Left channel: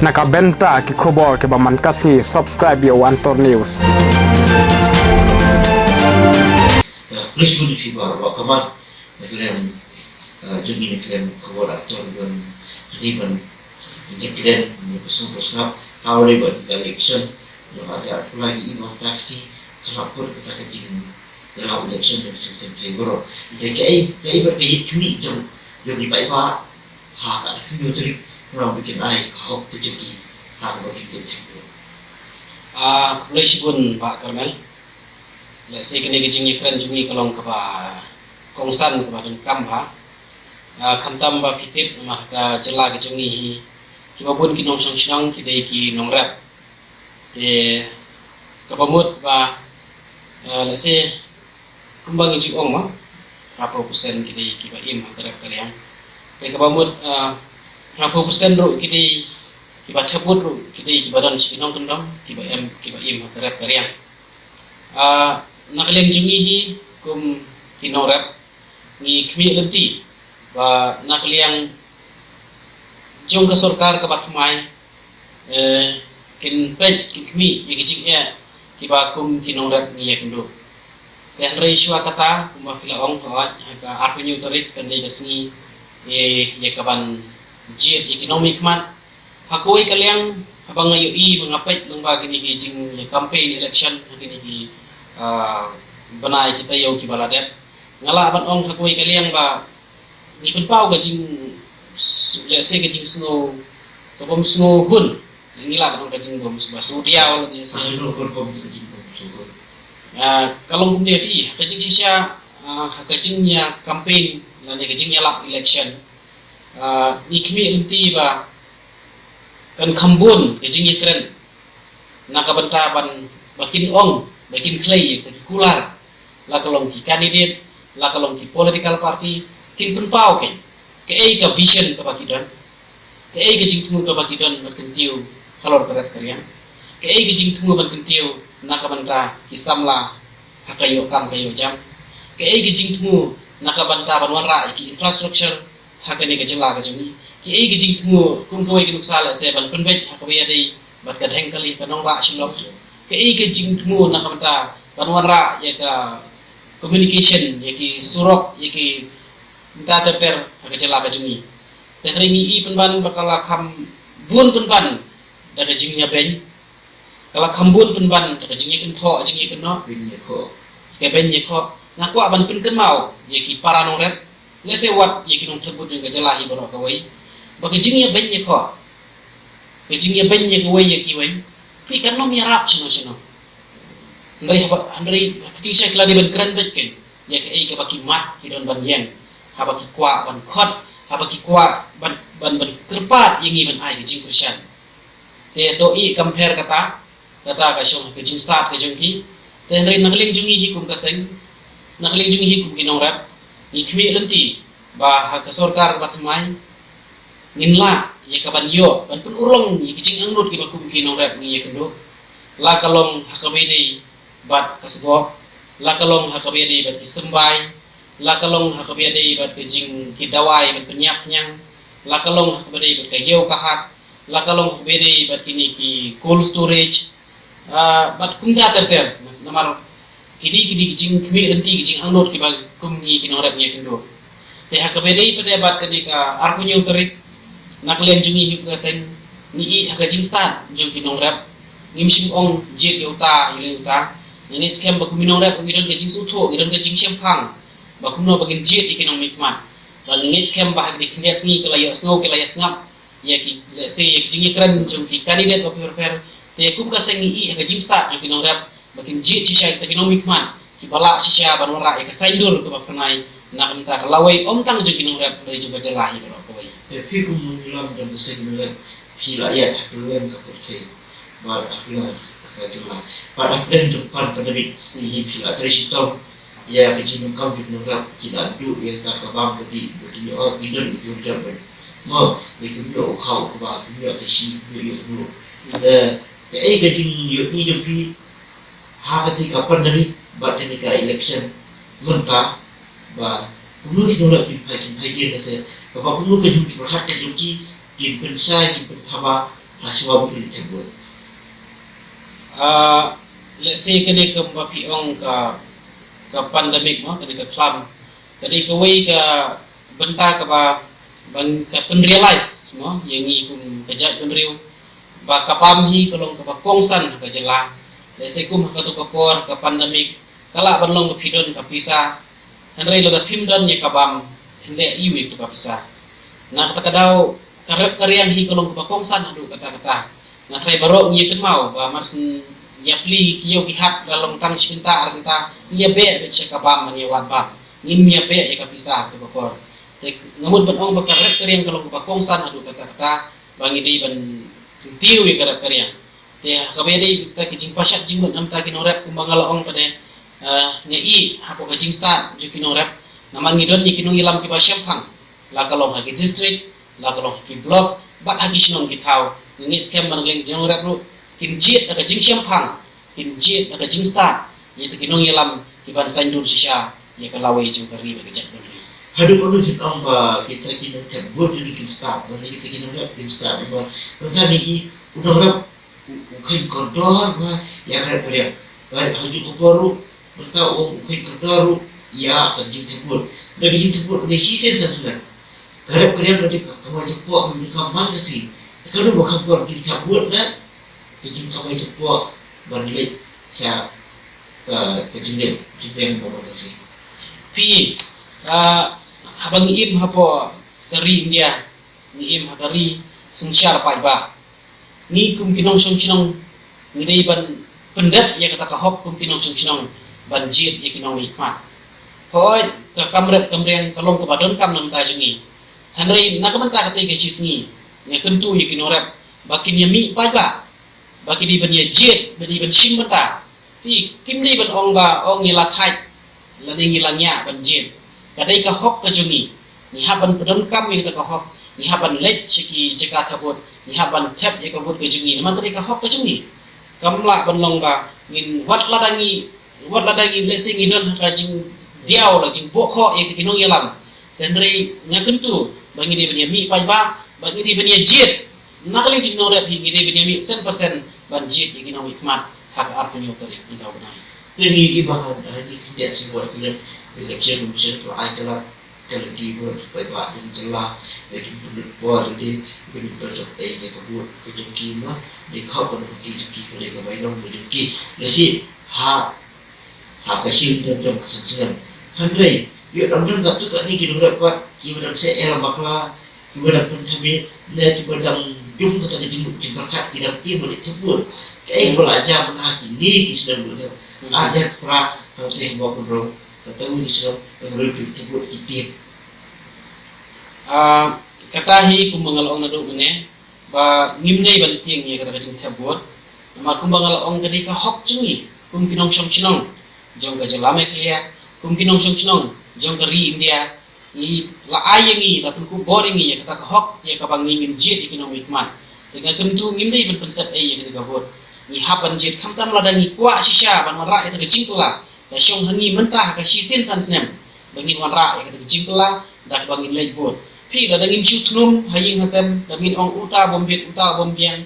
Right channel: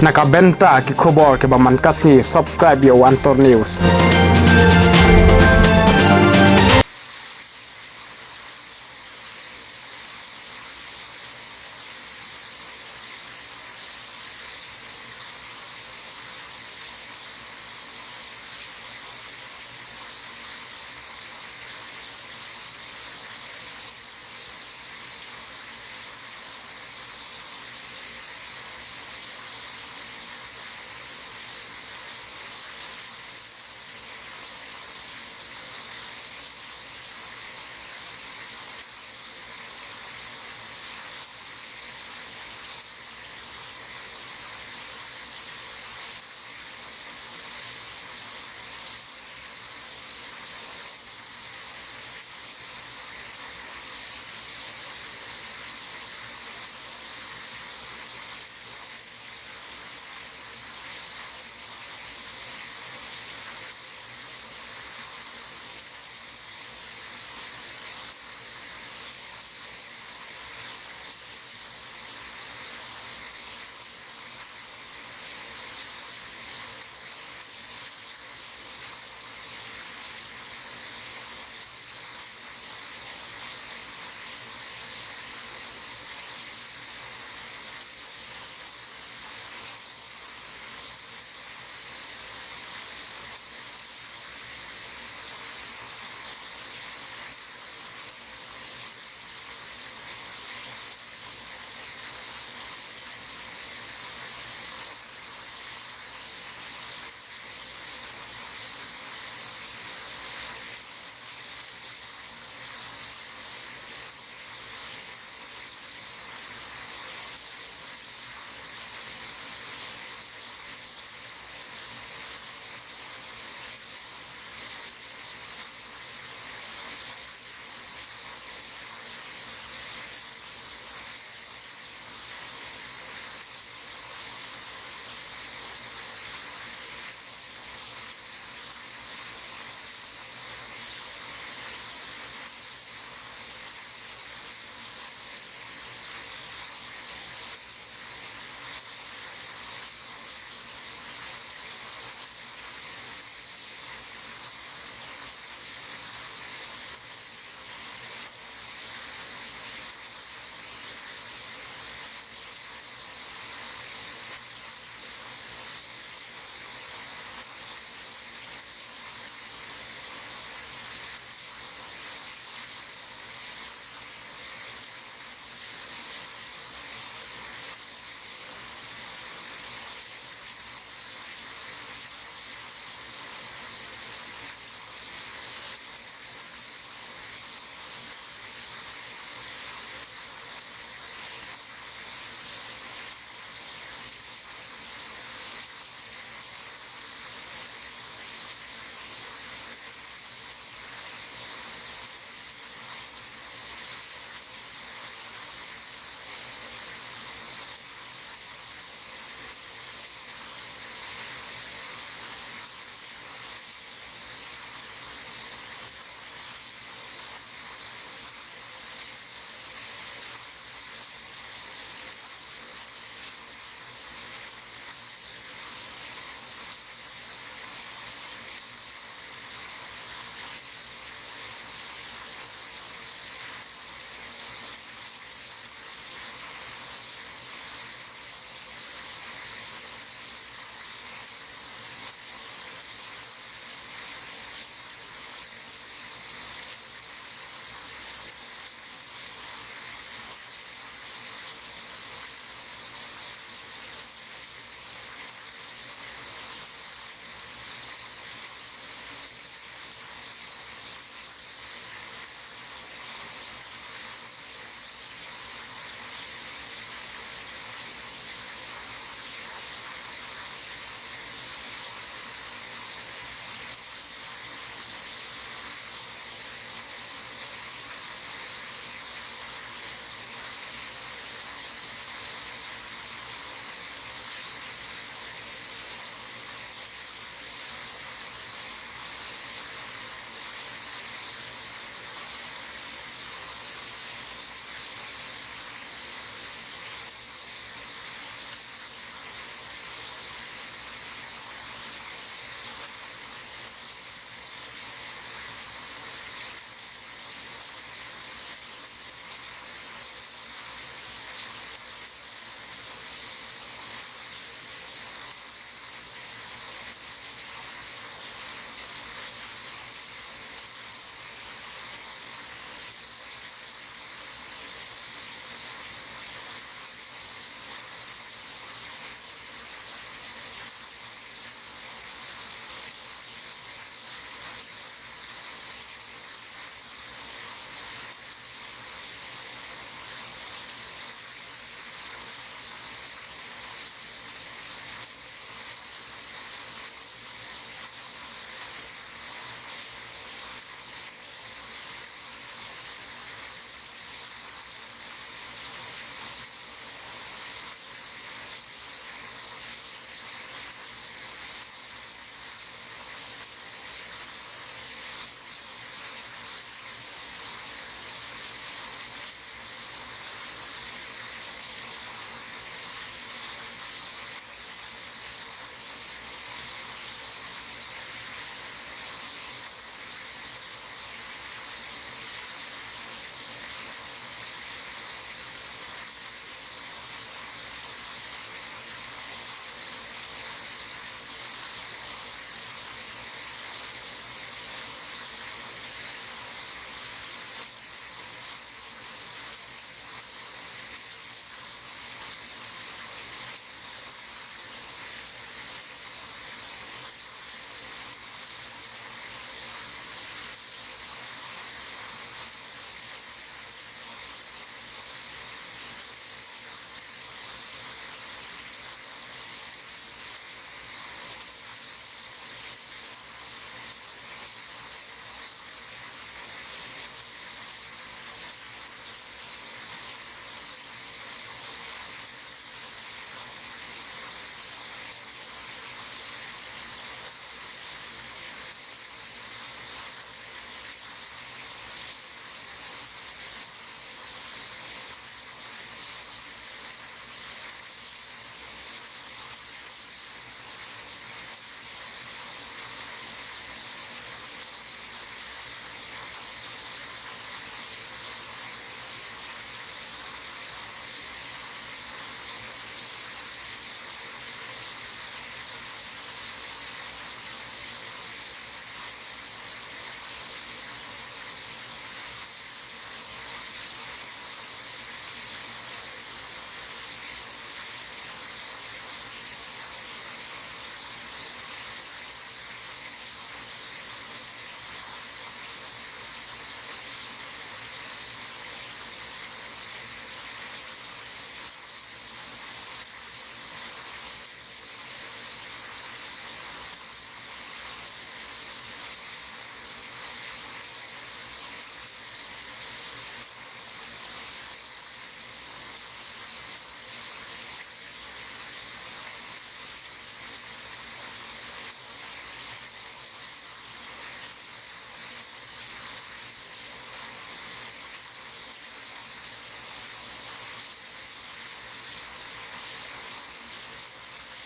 Nakabenta ki khobor ke baman kasngi subscribe yo Antor News. Please pun si bar wa kaman klem jumi klem khobor ator yon riban klem musuh besar awali buat election yo ada lagi imo taksi kelapur kita kejing dalam election yang sistem favor jadi berkait kini jom jadi baik pak hak kini jadi orang bikin air kau jadi hak bagi kita Kulai sibun Pak Karmel. Saya kena kejengnya keren jungi kalau ke kongsan ke badan kamha. Kamtam ba pitip mah jela kejungi. Cuma pun kinong senang kita iki nong rap. De kepamut ba lese kumbang iji ong mah. Berapa persen kita iki ba im antara kalian. De kepamut berapa persen ro kita kiba tebut ro kita badan sinong kendang kiba im antara kalian. Nakaliang jungi hi kum kinong rap ni kmi lenti ba nakaliang jong ka sarkar ka batmai kin pet kmi yigijik ya kiba kum kinong rap ni yakndo dan reiswa kata kum bakila ong ka aku nyu tarik kandai kasni ye kaban jit ekonomi mat hakoi kaliang abang ayo i mengapait nang bagi ni jing campaign election begini di benai kita yau ki baladet ngala ban ong hakoi kaliang ba ni pen pau ga jing ya se ga jing snow ko bom snow hun ni la ban ga jing bom ba su dia wala dia se kalau bum dia fi ka jing sisya ka jing nya campaign na ni ga jing ya lap election ni kmi inti ba kan kambun ga jing keren nakabenta ban bakin ong bakin clay kular la kalong ki candidate la kalong ki political party kin penpau ke ka vision ka bakidan ke ga jingtu ka bakidan makentiu kalor karakter ya ke ga jingtu makentiu nakabanta isamla hakayo kam kayo jam ke ga jingtu nakabanta banwara ki infrastructure hakane ga jela ga jami ke ga jingtu kum koi ki nuksala se ban penbet hakawiya dei bat ka thengkali kanong ra silom ke jingtu nakabanta banwara ya ka communication yaki surok yaki minta teper ke jela ka jumi tekringi i penban bakala kham bun penban da ka jingnya ben kala khambun penban da ka jingnya kentho jingnya kenno ke ben ye ko ngaku aban pen mau yaki paranong rep ngese wat yaki nong thebut ka jela hi boro ka wai baka jingnya ben ye ko ke jingnya ben ye ko wai yaki wai pi kan no miarap chino Andrei kecil saya keladi ban keren betken ya ke baki mat kidon ban yang habaki kwa ban khot habaki kwa ban kerpat yang ban ai jing persian te to I compare kata ka shong ke jing start ke jongki te Andrei nakling jungi hikum kaseng nakling jungi hikum kinong rap ni kmi lenti ba ha ka sarkar batmai ninla ya ka ban yo ban pun urong ni jing angnut ki bakum kinong rap ni ya kendo la kalong hakabedi bat kasgo la kalong hakabedi bat sembai la kalong hakabedi bat jing kidawai bat penyak nyang la kalong hakabedi bat kayeu kahat la kalong hakabedi bat kini ki cold storage bat kumda terter namar kini jing kmi enti jing anot ki bag kumni kinorap nya kendo te hakabedi pada bat kenika arpunyu terik naklian jungi yu kasen ni I hakajing start jung kinorap nimsim ong jet yuta ini scam bakuminong rap ngidon ke jing suto ngidon ke jing sempang bakuno bagin jet ekonomi mat dan ini scam bahag di kinyak singi kelaya snow kelaya sngap ya ki se jing keren jung ki kandidat ba per te kum ka sengi I ka jing start jung kinong rap bakin jet sisya ekonomi mat ki bala sisya banwara ka saindur ke bakunai nak entah lawai om tang jung kinong rap dari juga jelahi ba kawai tapi kumulam dan sesuatu hilayah keluar seperti mal akhlak jumlah pada depan pandemik ini bila terisitau ya kejadian kau di negara tidak ada yang tak kabam di orang tidak berjumpa mau itu dia kau kubah dia kesi dia dulu kejadian ini jadi hati kapan dari baca negara election mentah bah perlu kita di pagi dia nasi kalau perlu kejadian berhati jadi jin pensai jin pertama semua boleh tersebut. Let's say kena ke piong ke pandemik mo kena ke club tadi ke way ke benta ke ban ke penrealize mo yang ni kun kejat penriu ba kapam hi kolong ke pongsan ke jela let's say kum ke tu kapor ke pandemik kala banlong ke pidon ke pisa henry lo da pimdon ye kabam hinde iwi ke pisa na kata kadau karep karyang hi kolong ke pongsan adu kata-kata na try barok ni mau ba marsin nya pli kiyo kihat dalam tang cinta kita nya be cek kabam ni wan ba nim nya be ya kapisa ke bokor namun benong bakarep karyang kalau bakongsan adu kata bangi di ban tiu ya karep karyang ya kabedi kita kijing pasak jingut nam ta kinorep kumbangala ong kade nya i hako kajing start ju kinorep naman ngidon ni kinung ilam ki pasyam phang la kalau hagi district la kalau ki block bat hagi sinon ki thau ni scam mangleng jongorep ru kinjit ada jing siam phang kinjit ada jing start ni kinung ilam ki ban sandur sisha ni kalawai ju kari ba kejak Hadu perlu ditambah kita kena cabut jadi kita start, nanti kita kena buat kita start. Macam ni, udah berapa? Mungkin kotor, ya kan beriak. Haju kotor, kita mungkin kotor, ya kerja cabut. Lagi kerja cabut, ada sisa dan sebagainya. Kalau beriak nanti kawan cabut, mereka mana sih? Kalau bukan buat kerja cabut, kerja kawan cabut, balik saya kerja yang buat sih. Pi habang im hapo dari India ni im hari sensyar pai ba ni kum kinong song chinong ni dei ban pendat ya kata ka hop kum kinong song chinong banjir ya kinong nikmat hoi ka kamrian kalong ka badon kam nam ta jingi hanrei na ka manta ka te ke sisngi ni tentu ya kinorep bakin ya mi pai ba baki di ban ya jet bani ban sim mata ti kim ni ban ong ba ong ni la thai la ni ngilangnya banjir kadai ka hok ka jungi ni haban pedam kam ni ta ka hok ni haban let chiki jeka kabut ni haban tap ye kabut ka jungi man kadai ka hok ka jungi kamla banlong ba ngin wat ladangi lesing idon ka jing diaw la jing bokho ye kinong yelam tendre ngakentu bangi di bani mi pai ba bangi di bani jet nakali jing no rep hi di bani mi 100% ban jet ye kinong hikmat hak apunyo tari intau bana Jadi ibarat hari tidak sebuah film election tu adalah kalau dibuat baik adalah bagi buat jadi bagi proses yang kedua itu kima di kau pun kita boleh kebaikkan jadi jadi kasih dalam kesenangan handai dia dalam satu kali kita dapat kita dapat era bakla kita dapat kami dan kita dapat jumpa kita jumpa kita tim boleh sebut kayak belajar menghati ini kita sudah ajar pra kalau bawa bro ketemu di sana yang boleh disebut titip katahi kumbangalong na do mene ba ngimnei banting ye kata kacang cabut ma kumbangalong kadi ka hok cungi kum kinong song chinong jong ka jalame kia kum kinong song chinong jong ka ri India ni la ayengi la ku boring ye kata ka hok ye ka bang ngim jit kinong mitman dengan tentu ngimnei ban pensep ye kata ka bot ni haban jit kamtam la dangi kwa shisha ban mara eta kecing pula da syong hangi mentah ka shisin san snem bangin wan ra ya ka kecing pula da bangin lej bot pi da dangin chutnum haying hasem bangin ong uta bombiang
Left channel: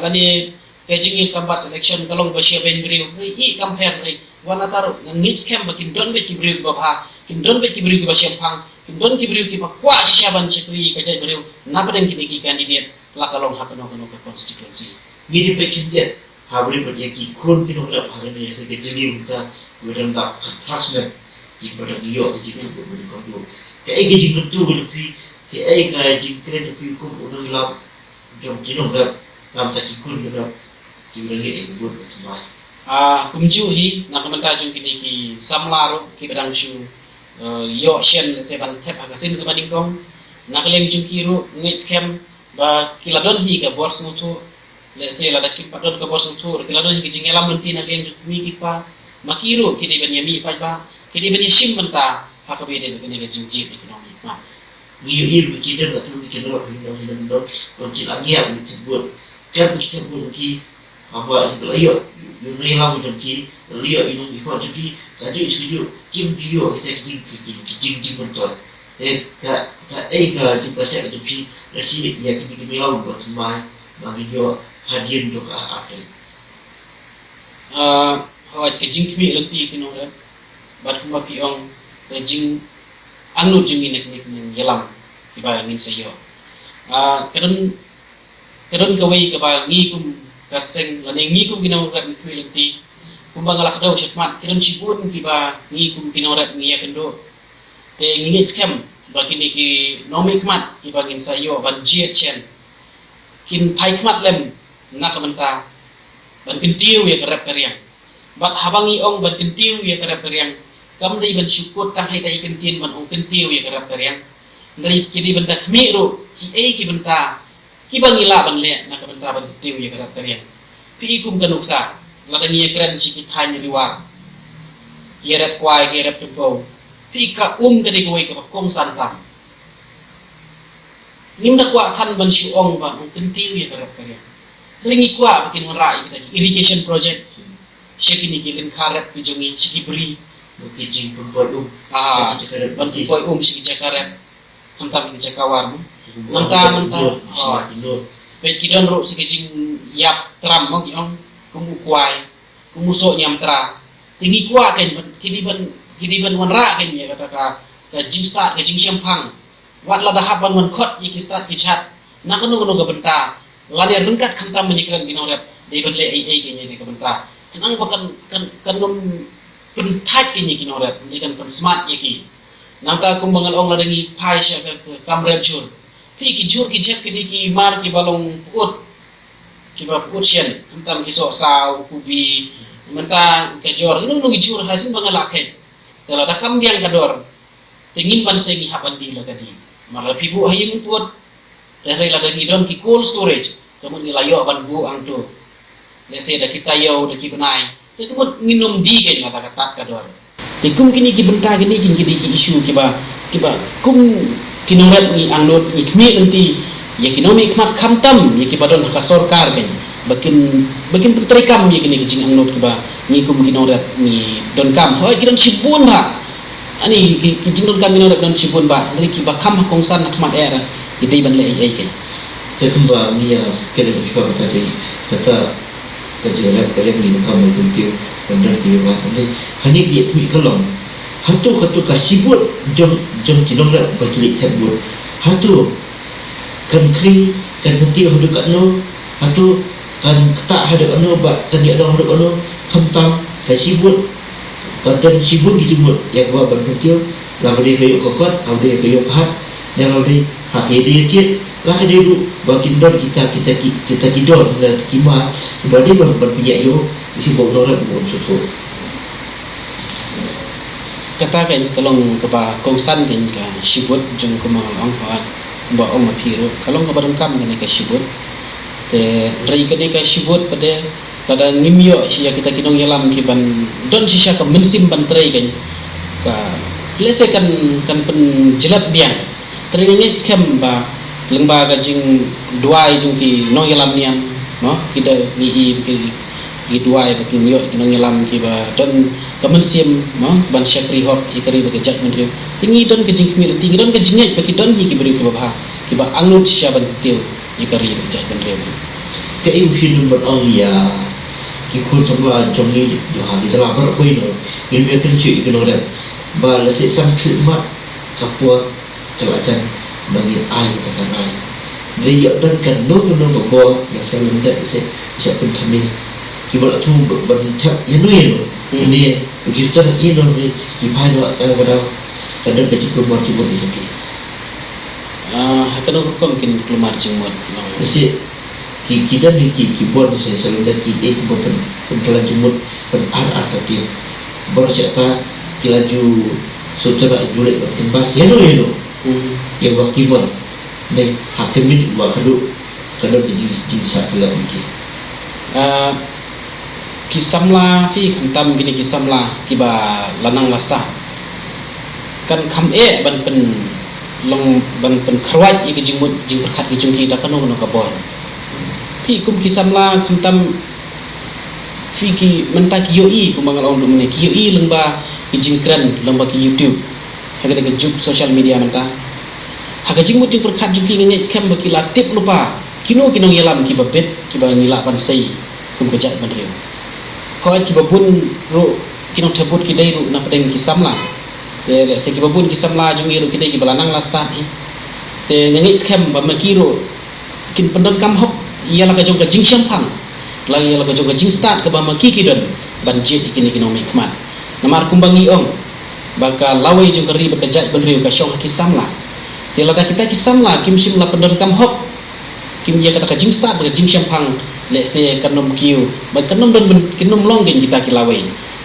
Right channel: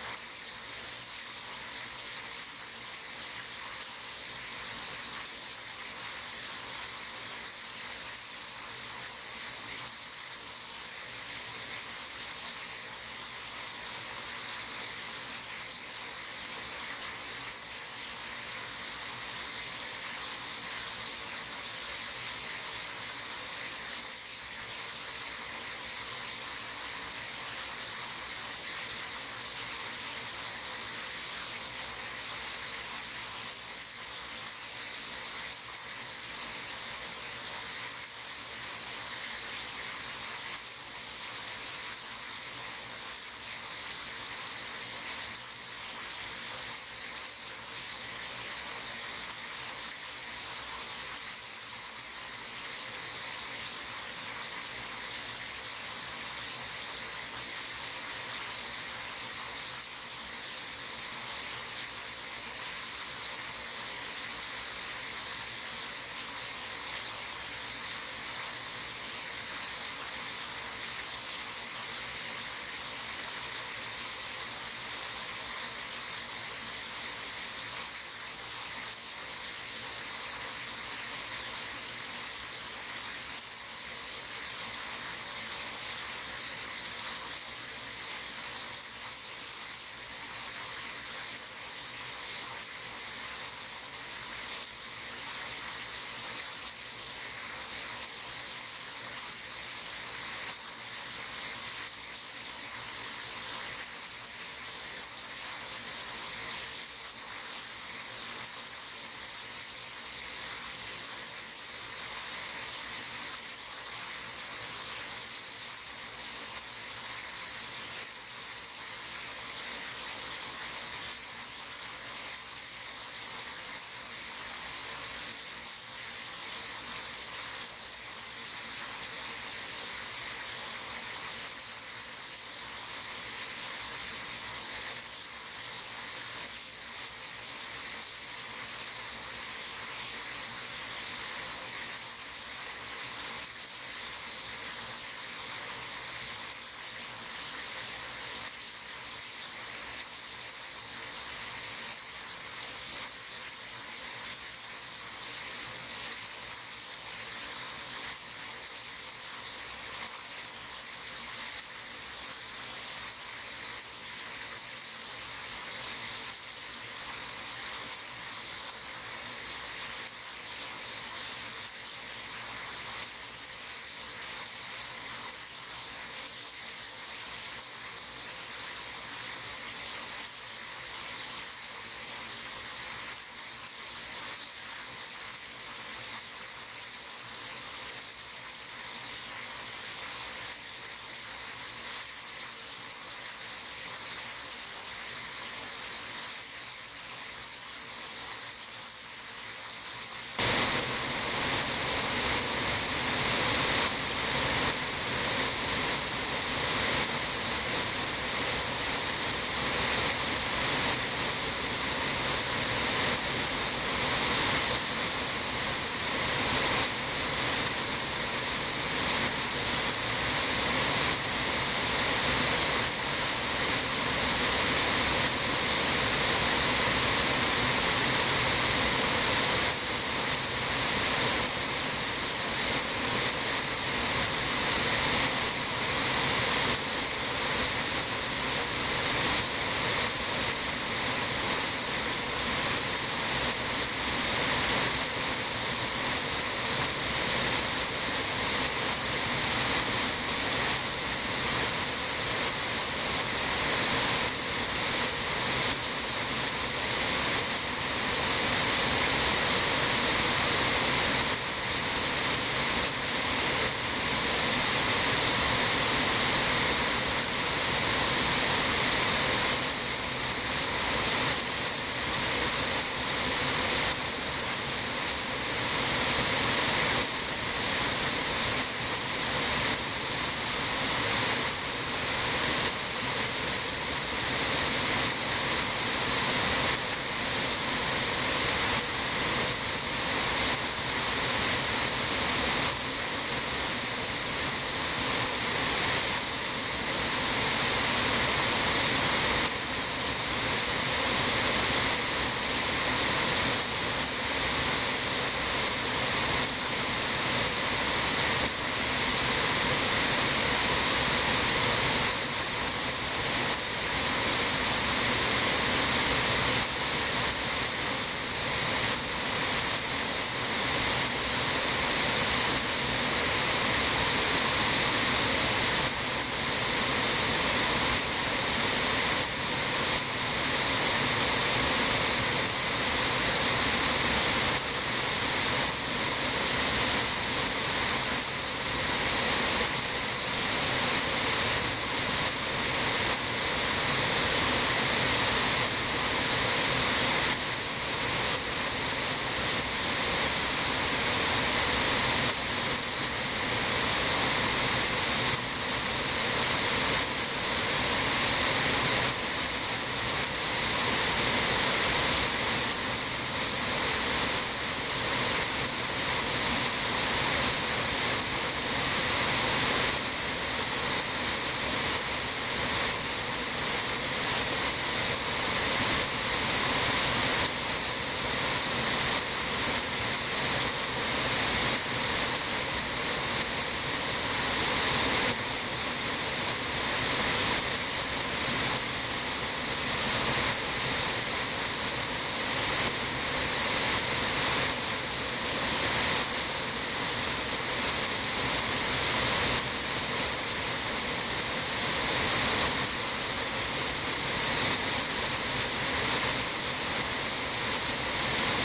lani kejing kambat selection kalong basia ben briu i compare ri wana taru ngit scam bakin don be ki briu ba kim don be ki briu ba siam phang kim don ki briu ki pa kwa shisha ban chekri ka jai briu na baden ki candidate la kalong hakano ko constituency Gini pekin dia, habis berjaki kun kino tak hari ni kerja jadi kita berang tak pasmen di pada dia di situ berbuat kamu. Kayak gaji betul lebih, kayak gaji keren lebih kun orang lap, jom kino ber, lam tak kun ber, tidak lagi berbuat macam kumju hi nak menta jung kini ki samlaro ki bedang shu yo shen se ban thep agasin ke banding kong nak lem jung kiru ngi scam ba kiladon hi ka bors mutu let's say la dakit padon ka bors mutu kiladon hi ki jingelam menti na len mi ki pa makiru kini ben yami pa ba kini ben shim menta pa ka bede kini le jung jip economic ma Ini kita betul kita betul kita lagi yang disebut kan kita betul apa itu ayo dunia lama jadi lihat ini ikut jadi tadi studio kim video kita kim betul ka juga saya tu pi resi ya kita bilang buat mai bagi yo hadir untuk akan hoi ke jing kmi lenti kino re bat kuma ki ong ke jing anu jing nek nek yelam tiba ngin sayo kadon ka wei ka ba ngi kum kaseng ngane ngi kum kino re kmi lenti kumba ngalak daw syakmat kadon sibun tiba ngi kum kino re ngi ya kendo te ngi scam bagi ni ki nomi kmat tiba ngin sayo ban jiet chen kin pai kmat lem nak menta ban kentiu ya kerap keriang bat habangi ong ban kentiu ya kerap keriang kam dai ban syukur tang hai tai kentin ban ong kentiu ya kerap keriang dari kini benda kmi ro ki benta ki bangila ban le nak benta ban kentiu ya kerap keriang pi kum kanuksa lada ni keren sikit hanya liwar yerep kwai yerep tempo pi ka ke di koi ka kong santam nimda kwa kan ban syuong ban ong kentiu ya kerap keriang Ringi kuat bikin merai kita irrigation project. Syekini kilen karet kujungi sikibri kijing pembuat bantu poi siki cakaret kentam ni cakawar manta pe kidon ro sikijing yap tram mo kiong kuai muso nyam tra tinggi kuat kan kidi ban wanra kan ya kata ka jing start jing champang wat la dahap ban wan khot iki start ki chat nak no ga benta lani rengkat kentam menyikran binoret di benle ai kenya di kementra nang bakan kan pentat kini kinoret ni kan smart yaki namta kumbangal ong ladangi pai sya ke kamrem chur pi ki jur ki jek ki mar ki balong ut ki ba ut sien entam ki so sau kubi menta ke jor inu ngi jur hasin bangala ke kalau da kambiang kador tingin ban sengi hapan di lagadi mar pi bu hayung put dari ladangi don ki cold storage kamu nilayo ban bu ang tu Nasi dah kita yau dah kita naik. Itu pun minum di kan kata-kata kadar. Ikum kini kibenta kini isu kiba kum kinorat ni anglot ni kmi nanti ya kinomi kmat kamtam ya kiba don kasorkar kan. Bakin terikam ya kini kecing anglot kiba ni kum kinorat ni don kam. Hoi kidon sibun ba. Ani kecing don kam kinorat don sibun ba. Dari kiba kam kongsan nakmat era. Itu iban le ai kan. Ketumba ni ya kena cuba kata kerja kalian ni kamu kunci benar dia ni hanya dia tu kalau hatu kasibut jom kidong dah berkelik sebut hatu kan kering kan hati hadu kat no hatu kan ketak hadu kat no kan dia ada hadu kat no kentang kasibut dan sibut disebut yang buat berkelik lalu dia kayu kokot lalu dia kayu pahat dan lalu dia cit lah dia duduk bakin dor kita tidur kita kima bagi berpijak yo isi bogor belum susu katakan kalau kepa kongsan kan sibut jeng kemang angkat ba ong piru kalau ngabarang kam ni ka sibut te rai ka ka sibut pada ngimyo siya kita kinong yalam kiban don siya ka mensim bantrai kan ka lese kan pen jelat biang teringat scam ba lembaga jing duai jing ki no yalam niam no kita ni i duai betul yo no yalam ki ba don kemensim no ban syakri hok ikari bagi jak menteri tingi don ke jing mi tingi don ke jingai bagi don ki beri ke bah ki ba angut sya ban kil ikari bagi jak menteri ke im hidu ber ya ki kun sama jomni yo ha di dalam ber ko ino ini dia tenci ke no ba la se sam khidmat kapua jawatan bagi air tentang air. Dia dan kan no bawa yang selalu minta saya pun kami kibal tu bercak yang ni ini kita ini ni dipahami kadang-kadang ada kecil keluar kibal itu. Kadang mungkin keluar jemur. Jadi kita ni kibal saya selalu dah kita bukan keluar jemur berarah tapi bercakap kelaju secara julek bertembas yang ni yang wakiban dan hakim ni buat kaduk jadi satu lagi kisamla fi kuntam gini kisamla kiba lanang wasta kan kam ban pen long ban pen kharwat i jingmut jingkhat i jungki da kanu no kabor fi kum kisamla kuntam fi ki mentak yoi kumangal on dumne ki yoi lengba ki jingkran lengba ki YouTube agak dengan juk social media menta. Agak jingmut jing perkat juki ngene scam baki latip lupa. kino yalam ki babet ki ba nila pan sei kun pejak ban riu ko ki babun ru kino thebut ki dai ru na pedeng ki samla le se ki babun ki samla jung ru ki dai ki balanang lasta te nyangi scam ba makiro kin pendon kam hop ia la ka jong ka jing champang lagi ia la ka jong ka jing start ka ba maki ki don banjit ikini kino mikmat namar kumbangi ong baka lawai jong kari betajak ban riu ka syong ki samla te la kita ki samla kim sim la pendon kam hop kim ia kata ka jing start ba jing champang le se kanom kiu ba kanom don kinom longen kita ki lawai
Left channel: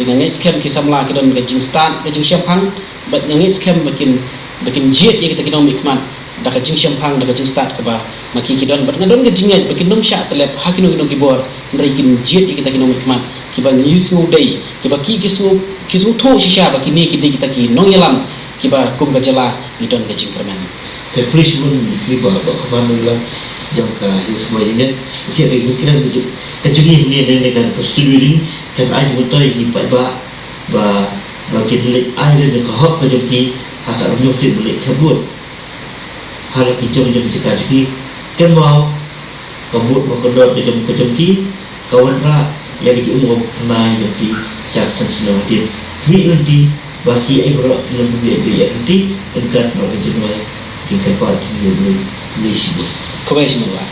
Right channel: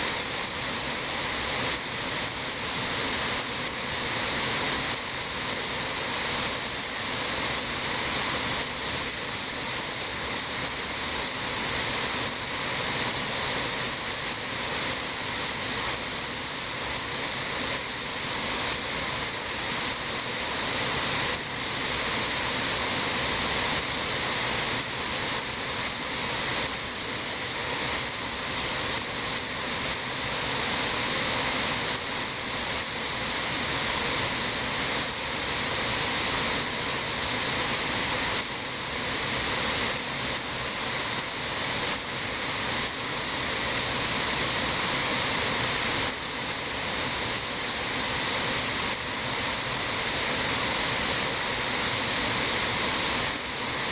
dengan ngit scam ki samla ki don ka jing start ka jing champang ba ngit scam makin jet ia kita kinom mikmat da ka jing champang da ka jing start ka ba maki ki don ba ngadon ka jinget ba kinom sya telep hakino kinom ki bor ndai kin jet ia kita kinom mikmat ki ba ngisu dai ki ba ki kisu tho shisha ba kini kita ki nong yalam ki ba kum ba jala ni don ka jing permen ke please mun ki ba kemana jam ka semua ini siap dikira kejadian ini dengan persetujuan dan aja betul ini ba jadi air dan kahok kejadian akan menyusul balik kabut hal itu jam cakap lagi kan mau kabut mengendor kejadian kawan ra yang di umum naik jadi siap sensitif ni nanti bagi air berat yang berbeza nanti tentang bagaimana tingkat pada dulu sibuk kau semua,